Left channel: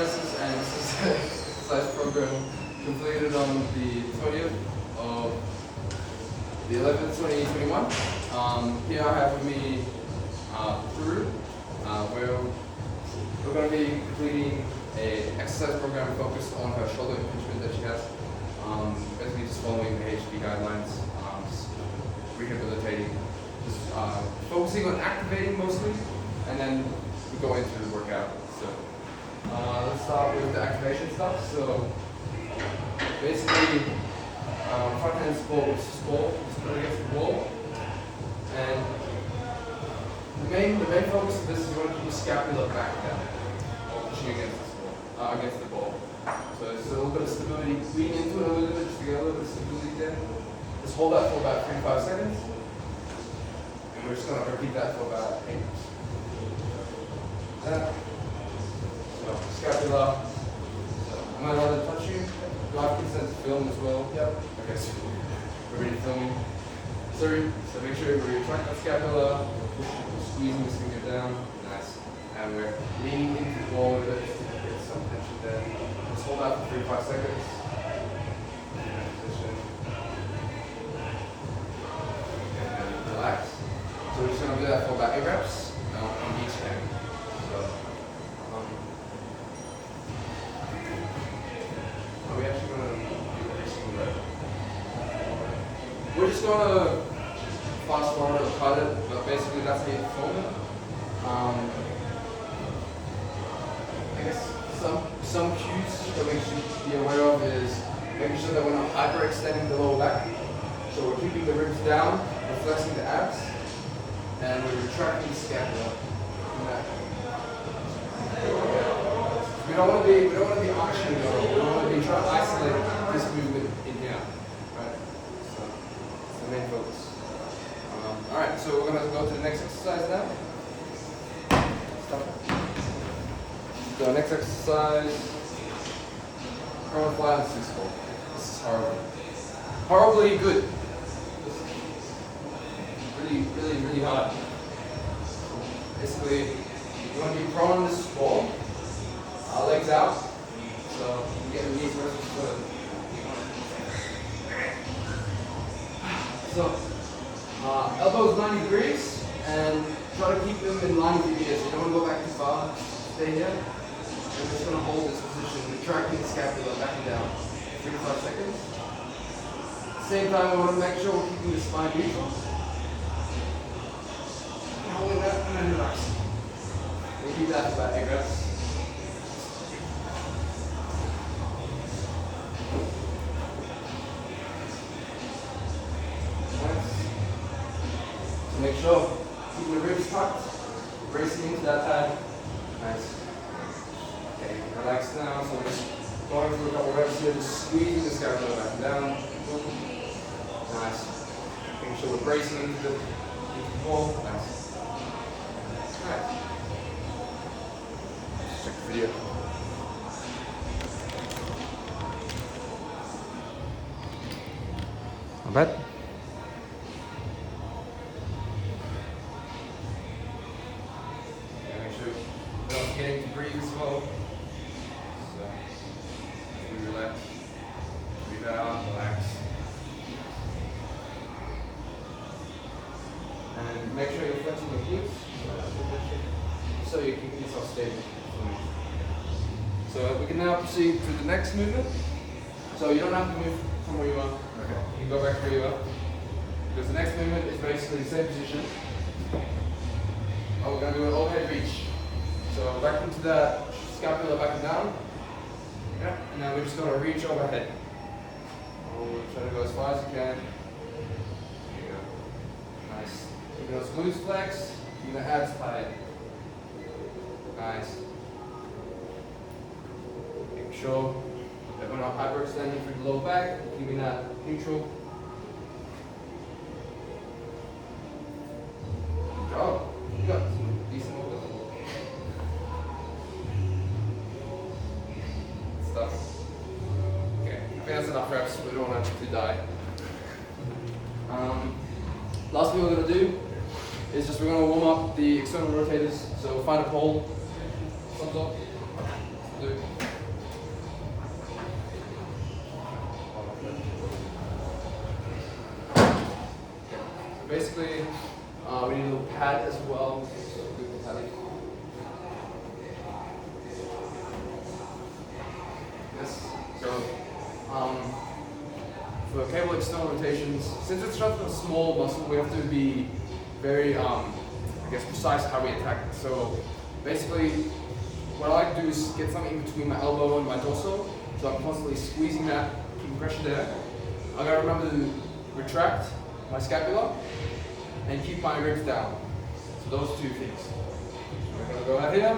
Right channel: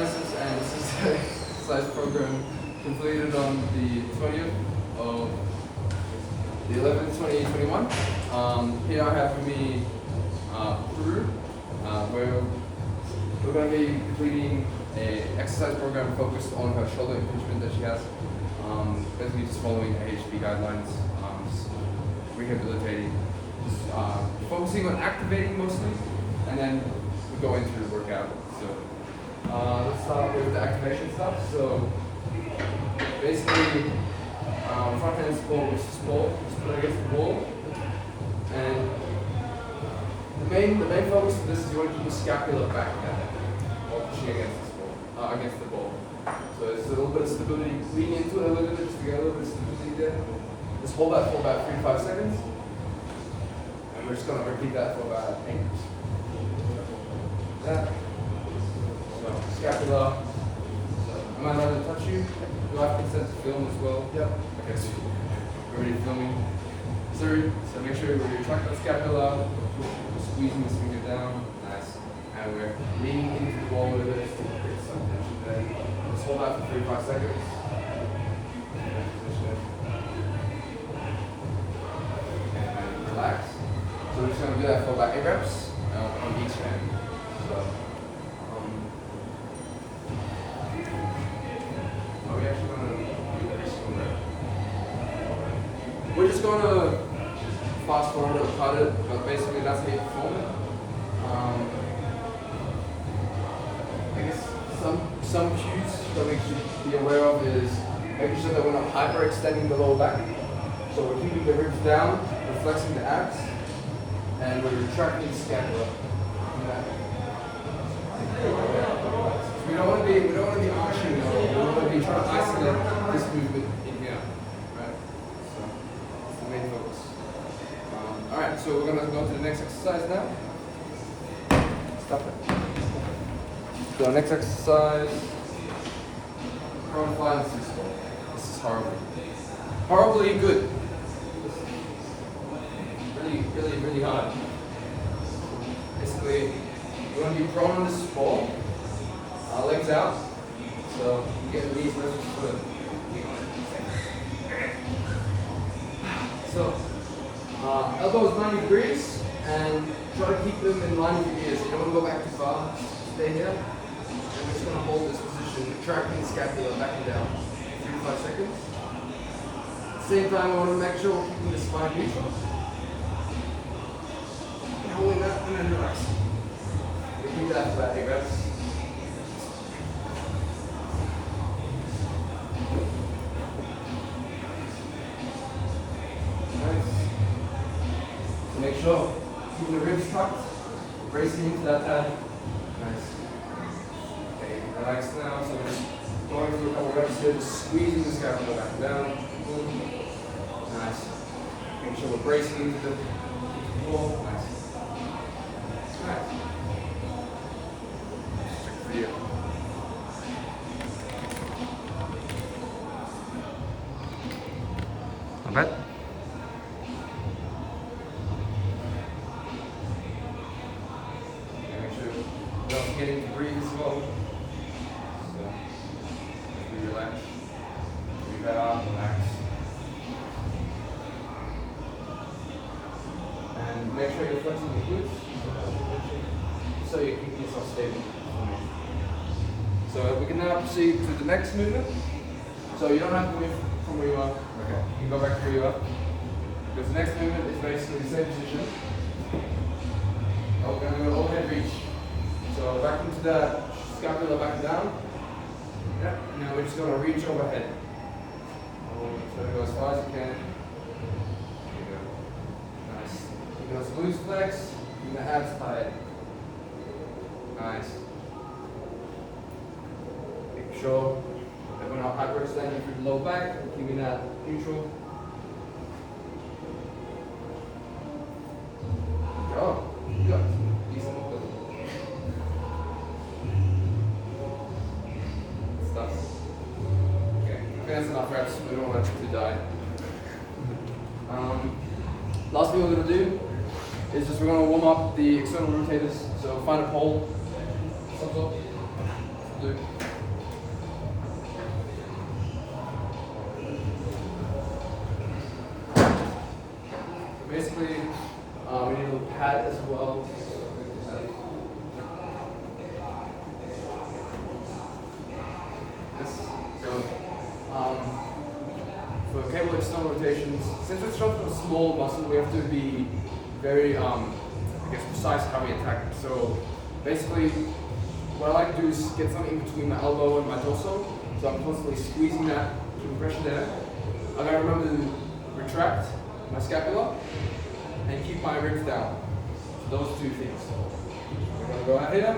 Francis, and this is an exercise program completed on the 20th of the 11th, 2021. Here I have with me Peru, where we're going to be completing an exercise program focused on her shoulder impingement that she has. Basically just following AHP guidelines, just rehabilitating, just focusing on activating mostly, and then we go into the workout. So let's start with the activation stuff. So basically, front hand support with support, just put it against the wall, and the main focus of this is you want to keep the scapula back down while pushing against the ball. So there's a little bit of stability, lean into it a little bit just to get a little bit of stability there. Just hold that for about 3 to 5 seconds, and we're just going to repeat that for about 8 minutes. Yeah. So scapula. So am I allowed to touch you? Do I have consent to film as well? Yep. Okay, so we're already filming. So make sure we retract that scapula, squeezing this finger down. Nice. And we're leaning into the ball a little bit to get some tension there. Just hold that for 3 to 5 seconds. And relax. So we're just going to do that for about 8 reps on each hand. So, are we actually going to do every single rep? We're just going to fast forward or cut it, but basically that's how you perform it. I guess some cues that we should be aware of is making sure that we're not hyperextending the lower back. So we're keeping the ribs down, we're flexing the abs, and we're retracting the scapula. Yeah. We don't want to be arching it all. We want to be trying to isolate this movement in here, right? So it's the main focus. All right, so we're going to go to the next exercise now. Stop it. So next exercise, prone fly on 6-4. This is horribly good. Really hard. Basically, you want to be prone on this ball, legs out, so you get the knees versus foot. So elbows 90 degrees, and try to keep them in line with your ears. You don't want to go back too far. Stay here. And we're just going to hold this position, retracting the scapula back and down. 3 to 5 seconds. At the same time, we want to make sure we're keeping the spine neutral. And holding that, and then relax. We keep that for about 8 reps. Nice. So make sure keeping the ribs tucked, bracing into that pad. Nice. Okay, relax now. So we're just going through a couple reps here, just squeezing the scapula back and down. Nice. Making sure we're bracing into the wall. Nice. Nice. Check the video. Not bad. Don't forget to breathe as well. So, as we relax, breathe out, relax. And make sure you're flexing the glutes, so you're keeping yourself stable. So we can now proceed to the next movement. So you don't have to move from where you are. Okay. You can go back to where you are. Because the next movement is basically the same position. Oh, we're going to do an overhead reach. So back into the scapula back and down. Yeah. And now we're just going to reach overhead. Try to go as far as you can. There you go. Nice. Keep those glutes flexed. Keep the abs tight. Nice. Make sure that we're not hyperextending through the lower back. Keeping that neutral. Good job. You got decent. Stuff. Okay, I think that's enough reps. We don't want to die. Last thing we're going to do is we're going to warm up the external rotators. So find a pole, to do. So basically, we need a little pad as well. For cable external rotations, since it's such a small muscle, we have to be very, I guess, precise how we attack it. So basically, what I like to do is get something in between my elbow and my torso, so I'm constantly squeezing that, keeping pressure there. I gotta remember to retract my scapula and keep my ribs down. So those two things. We're gonna go out here,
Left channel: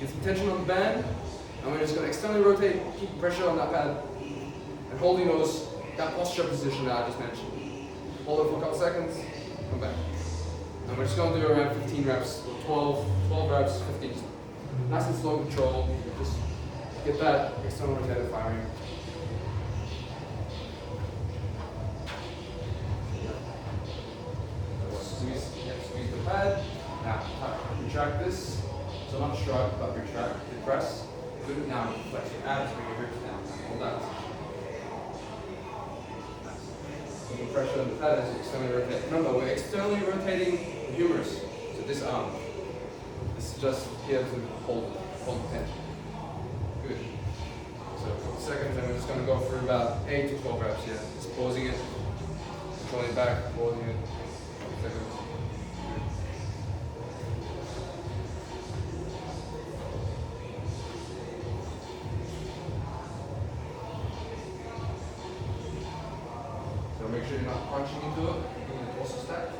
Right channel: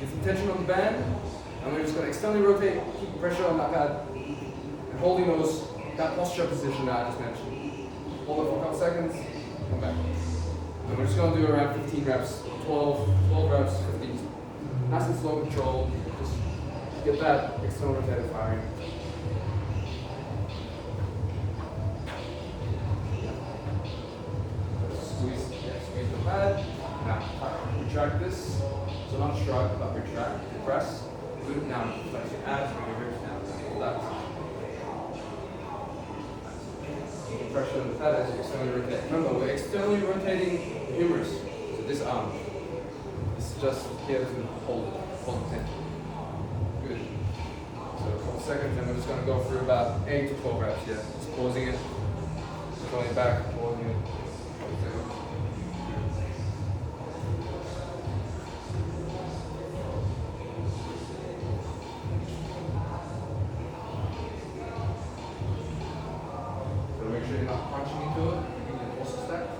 get some tension on the band, and we're just gonna externally rotate, keep pressure on that pad, and holding that posture position that I just mentioned. Hold it for a couple seconds, come back. And we're just going to do around 15 reps, 12 reps, 15. Nice and slow control, just get that external rotator firing. Squeeze the pad. Now, retract this. So not shrug, but retract, depress. Good, now flex your abs, bring your ribs down. Hold that. Pressure on the pad as you externally rotate. Remember, we're externally rotating the humerus to this arm. This is just here to hold the tension. Good. So a couple seconds, and we're just going to go through about 8 to 12 reps here. Just pausing it, controlling it back, pausing it. Couple seconds. So make sure you're not punching into it, keeping the torso stacked.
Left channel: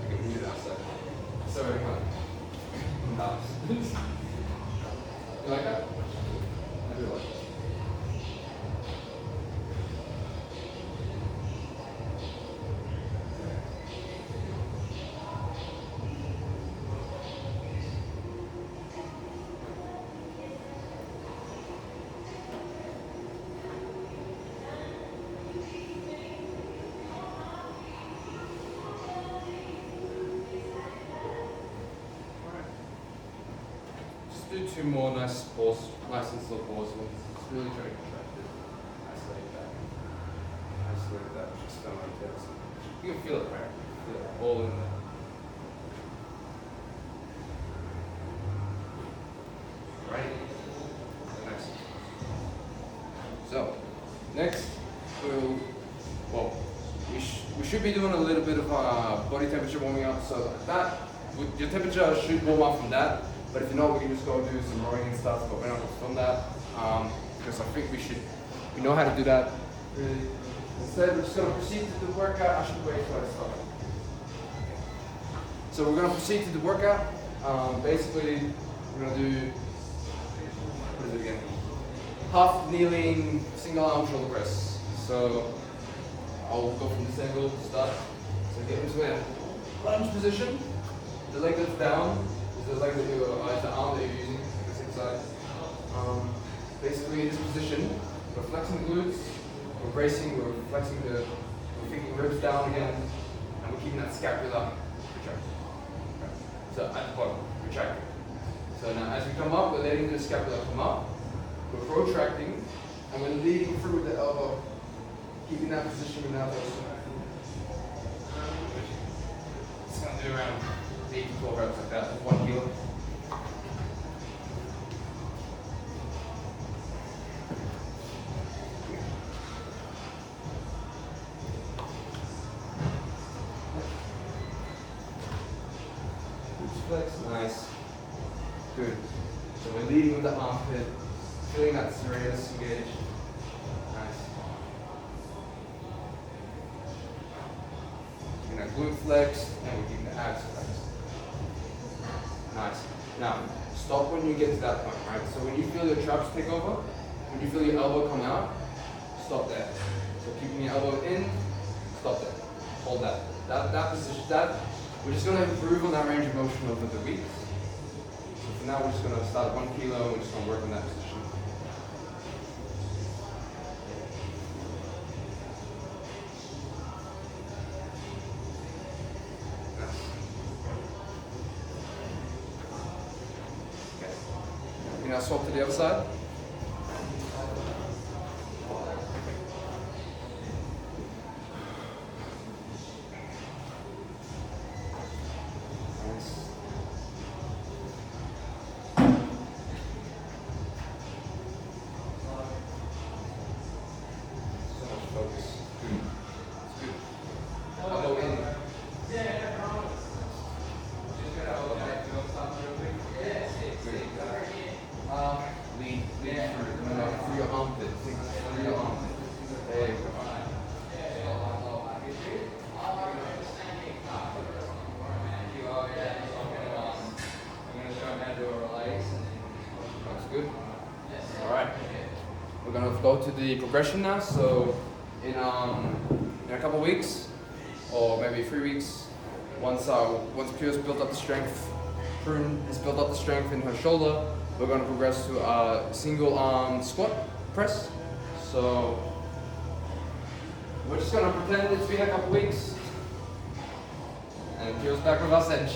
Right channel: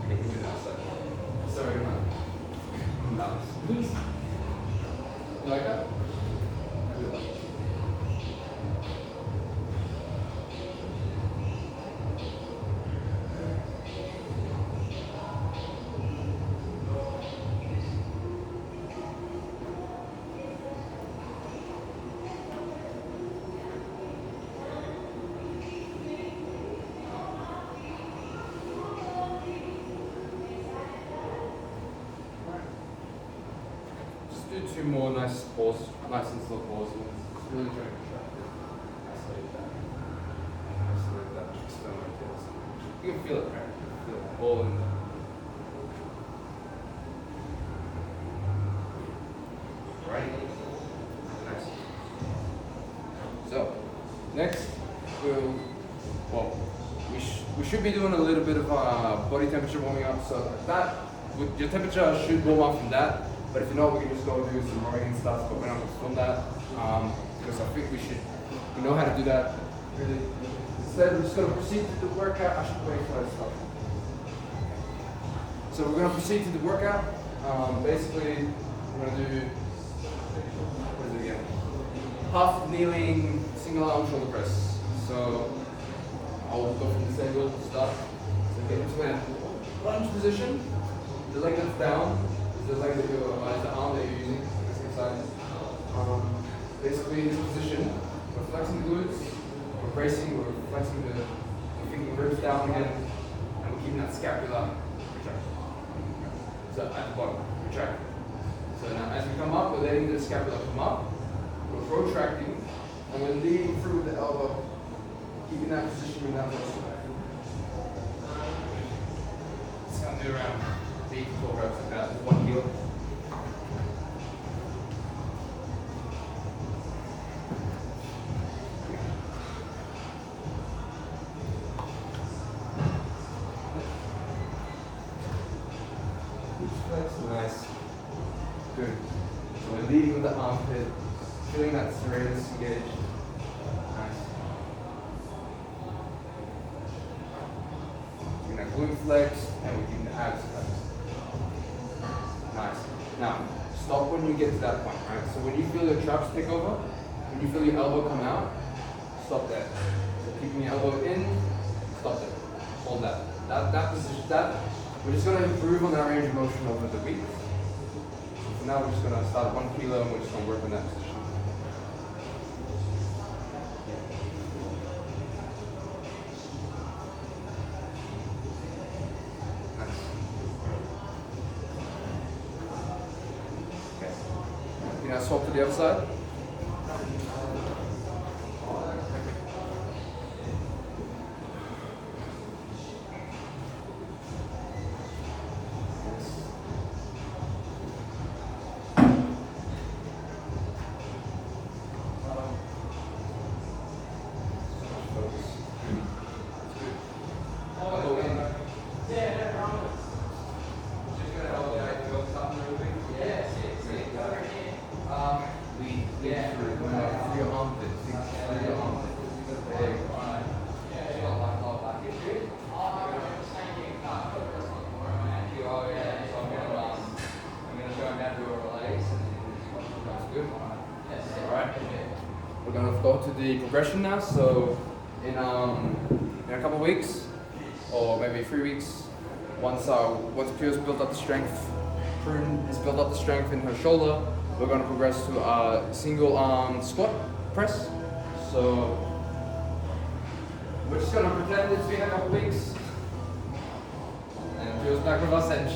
I can do that outside. Sorry, man. Nice. You like that? I do like it. Do 2 more nice pause, nice and slow pause. Just really trying to contract it. Isolate that. Isolate that. Just don't rotate it. You can feel it, right? You can feel it all in there. Right? Nice. So, next we should be doing a little bit of body temperature warming up. So that, your temperature should warm up from that. But if you know, we can just go and do some rowing and stuff, but we're not going to film that, because I think we know how to do that. Really. Instead, we're just going to proceed to the workout. I should wait for that stuff. So we're going to proceed to the workout. Basically, we're going to do, what is it again? Half kneeling, single arm shoulder press. So I'll go from this angle to start. So get into a lunge position, the leg that's down. The leg that the arm that you're using, the same side. Basically, in this position, we're flexing the glutes, we're bracing, we're flexing we're thinking ribs down again, and we're keeping that scapula retracted. So at the bottom, retract. So now as we come up, we're letting the scapula come up, we're protracting, and we're leading through with the elbow, keeping that position without the It's going to do around 8 to 12 reps like that with 1 kilo. Nice. Good. So we're leading with the armpit, feeling that serratus engaged. Nice. Keeping that glute flexed, and we're keeping the abs flexed. Nice. Now, stop when you get to that point, right? So when you feel your traps take over, when you feel your elbow come out, stop there. So keeping your elbow in, stop there. Hold that. That position, we're just going to improve on that range of motion over the week. So now we're just going to start at 1 kilo and we're just going to work on that position. now swap to the other side. Good. Alright. We're gonna go to the progression now. So in a couple weeks, or maybe 3 weeks, once Pio's built up the strength, Prune has built up the strength in her shoulder, we're gonna progress to a single arm squat press. So we're just gonna pretend it's been a couple weeks. And Pio's back with us, and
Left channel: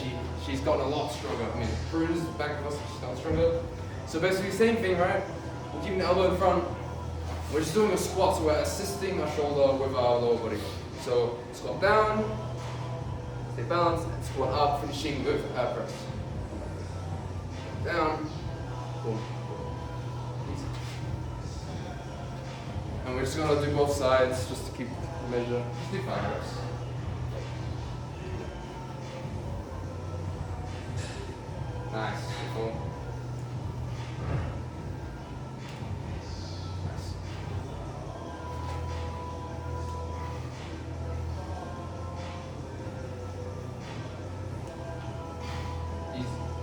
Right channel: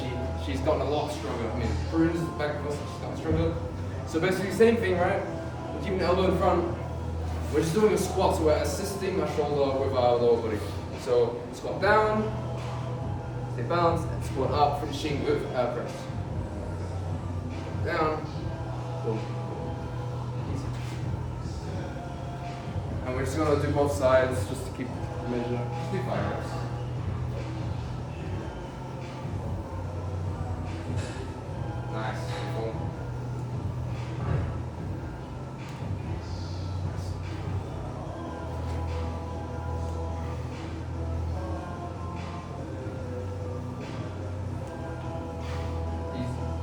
she's gotten a lot stronger. I mean, Prune's back with us, she's gotten stronger. So basically, same thing, right? We're keeping the elbow in front. We're just doing a squat, so we're assisting our shoulder with our lower body. So squat down, stay balanced, and squat up, finishing with our press. Down, boom. Easy. And we're just gonna do both sides just to keep measure. Just do 5 reps. Nice. Boom.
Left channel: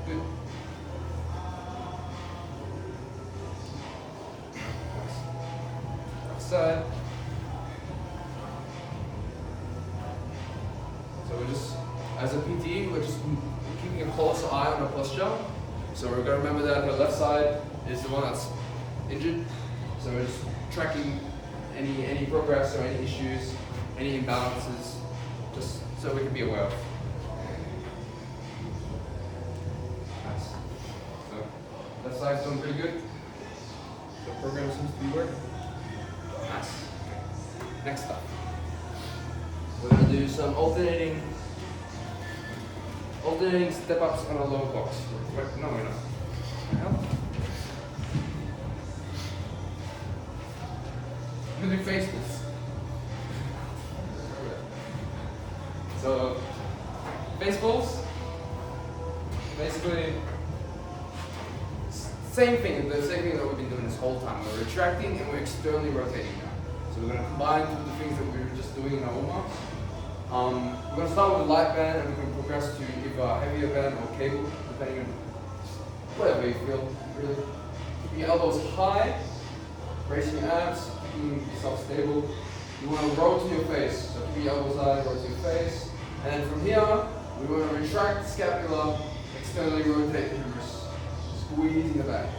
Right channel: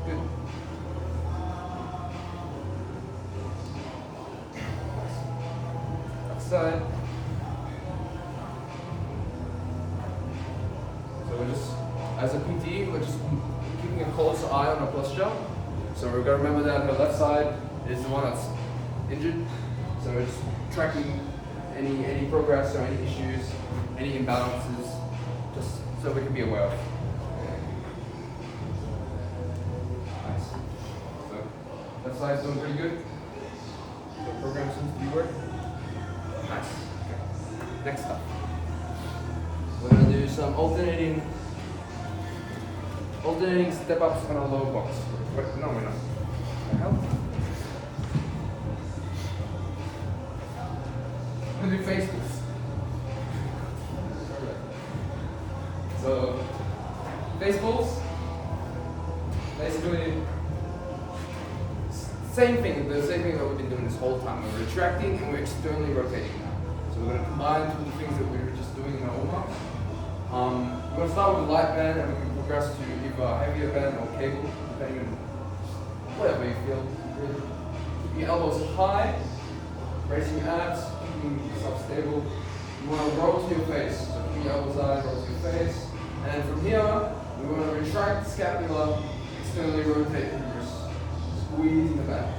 Good. Outside. So we're just, as a PT, we're just keeping a close eye on her posture. So we're gonna remember that her left side is the one that's injured. So we're just tracking any progress or any issues, any imbalances, just so we can be aware of. Nice. So that side's doing pretty good. The program seems to be working. Nice. Okay. Next up, we're gonna do some alternating step-ups on a low box. Wait, no, we're not. Can I help? We're gonna do face pulls. So, face pulls, basically, same thing, the same thing that we've been doing this whole time. We're retracting and we're externally rotating now. So we're gonna combine two of the things that we were just doing in our warm-up. We're going to start with a light band, and we can progress to either a heavier band or cable, depending on whatever you feel. Really. Keeping your elbows high, bracing your abs, keeping yourself stable. You want to roll to your face, so keep your elbows high, roll to your face. And then from here, we want to retract the scapula, externally rotate the wrist, squeezing the back,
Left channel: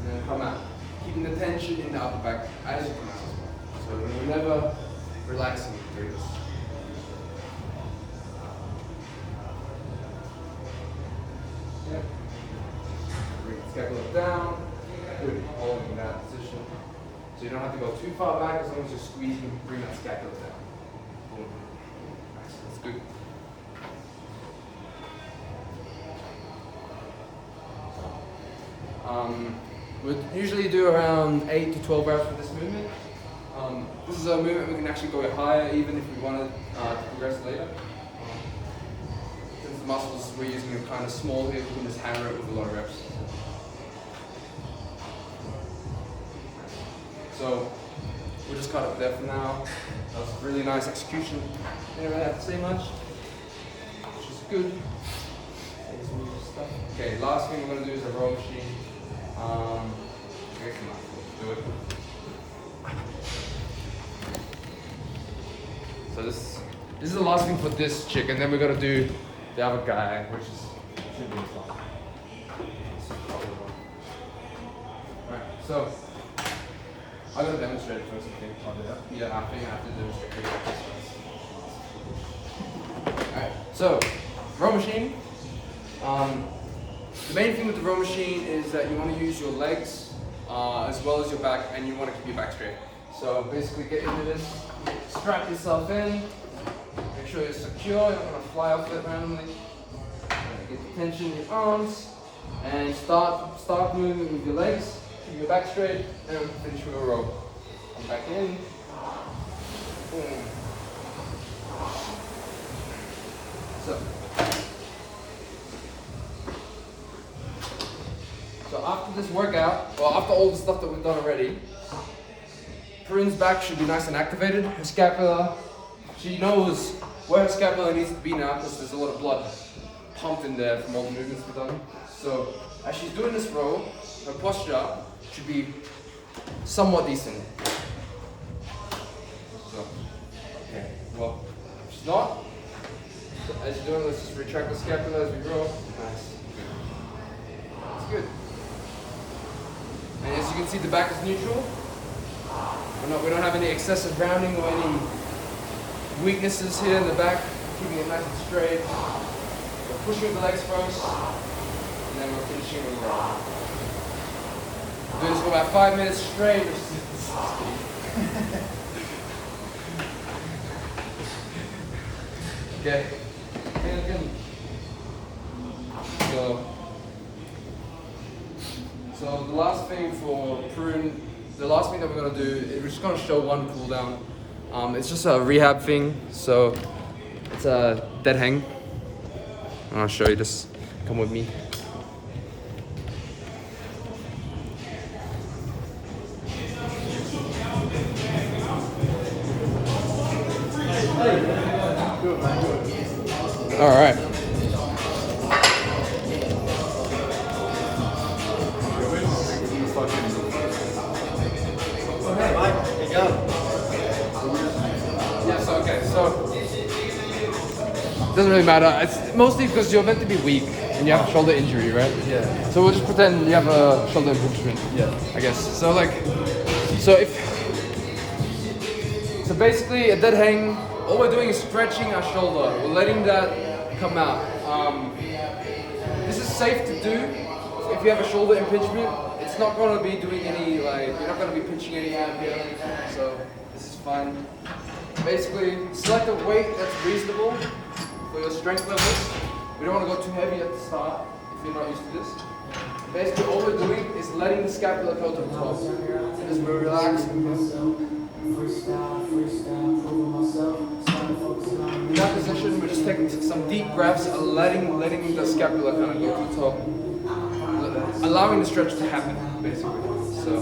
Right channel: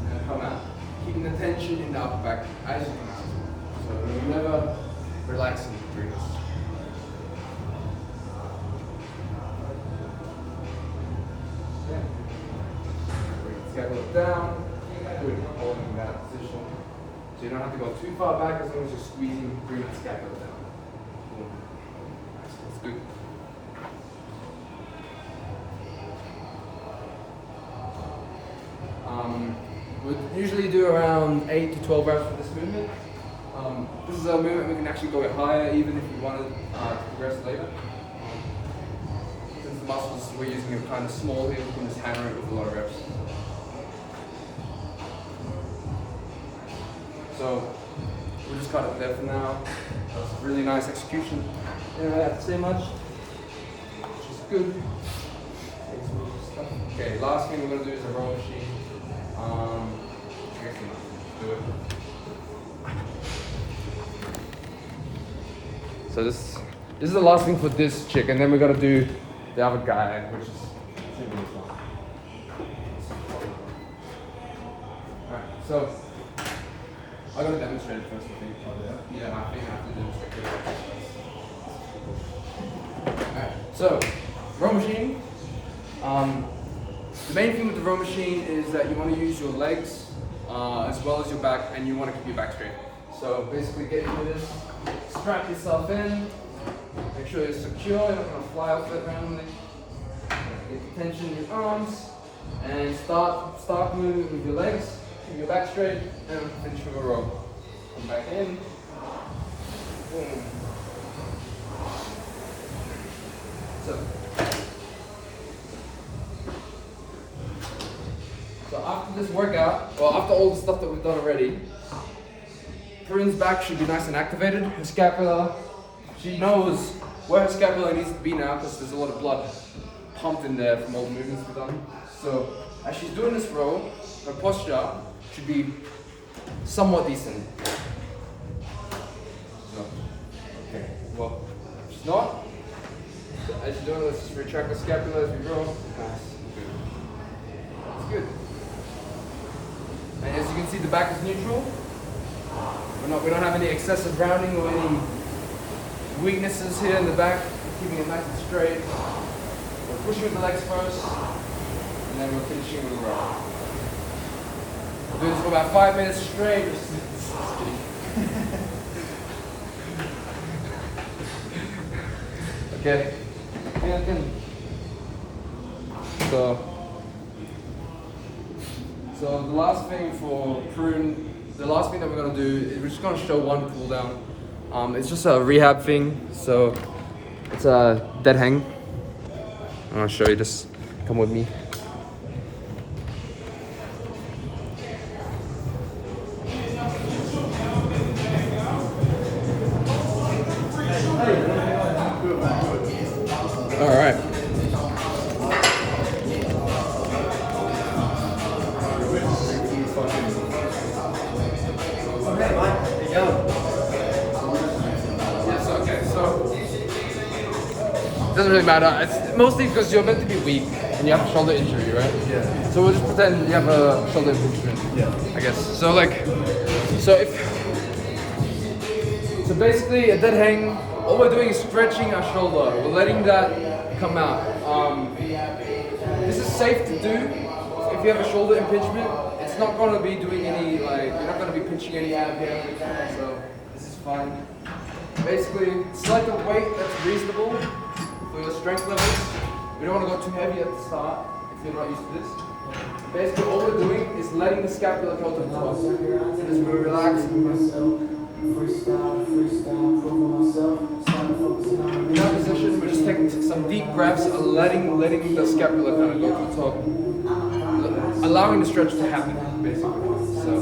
and then come out. Keeping the tension in the upper back as you come out. So we're never relaxing during this. Yeah. Bring the scapula down. Good. Holding that position. So you don't have to go too far back as long as you're squeezing, bring that scapula down. Boom. Nice. That's good. We usually do around 8 to 12 reps for this movement. This is a movement we can actually go higher even if we wanted to progress later. Since the muscles we're using are kind of small here, we can just hammer it with a lot of reps. So we'll just cut it there for now. That's really nice execution. You don't have to say much, which is good. Okay, last thing we're going to do is a row machine. Come on, do it. So this is the last thing for this chick, and then we're gonna do the other guy, which is Alright, so I'm gonna demonstrate it first, I think. I'll do that. Yeah, I think I have to demonstrate it. Alright, so row machine. The main thing with the row machine is that you want to use your legs as well as your back, and you want to keep your back straight. So basically get into this, strap yourself in, make sure you're secure, you're not going to fly off it randomly. Get the tension in your arms, and start moving with your legs, keep your back straight, and finish with a row. Come back in, boom. So after this workout, well, after all the stuff that we've done already, Perrine back should be nice and activated. Her scapula, she knows where her scapula needs to be now because there's a lot of blood pumped in there from all the movements we've done. So as she's doing this row, her posture should be somewhat decent. So, okay, well, if she's not, so as you're doing, let's just retract the scapula as we row. Nice, good. That's good. And as you can see, the back is neutral. We don't have any excessive rounding or any weaknesses here in the back. We're keeping it nice and straight. We're pushing with the legs first, and then we're finishing with the row. We'll do this for about 5 minutes straight. Okay. So the last thing for Perrine, the last thing that we're going to do is we're just going to show one cool down. It's just a rehab thing, so it's a dead hang. I'll show you, just come with me. All right. Yes, okay, so it doesn't really matter. It's mostly because you're meant to be weak and you have a shoulder injury, right? Yeah. So we'll just pretend you have a shoulder impingement. Yeah. I guess. So so basically a dead hang, all we're doing is stretching our shoulder. We're letting that come out. This is safe to do if you have a shoulder impingement. It's not going to be doing any, you're not going to be pinching any out here. So this is fine. Basically, select a weight that's reasonable for your strength levels. We don't want to go too heavy at the start if you're not used to this. Basically, all we're doing is letting the scapula go to the top. So just we're relaxing. In that position, we're just taking some deep breaths and letting the scapula kind of go to the top. Allowing the stretch to happen, basically. So.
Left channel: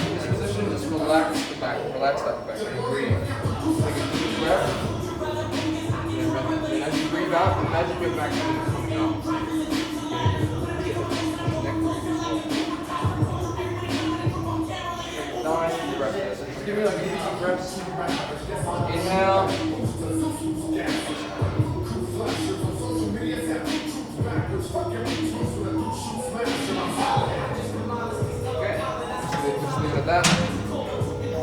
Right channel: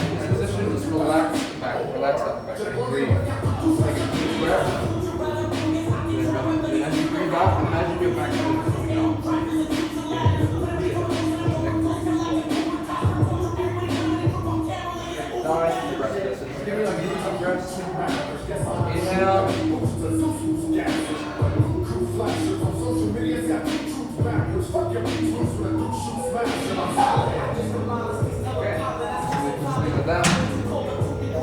This position, just relax the back, relax that back, and breathe. Take a deep breath. And as you breathe out, imagine your back coming out. Nice deep breath. So just give me like a deep breath. Inhale.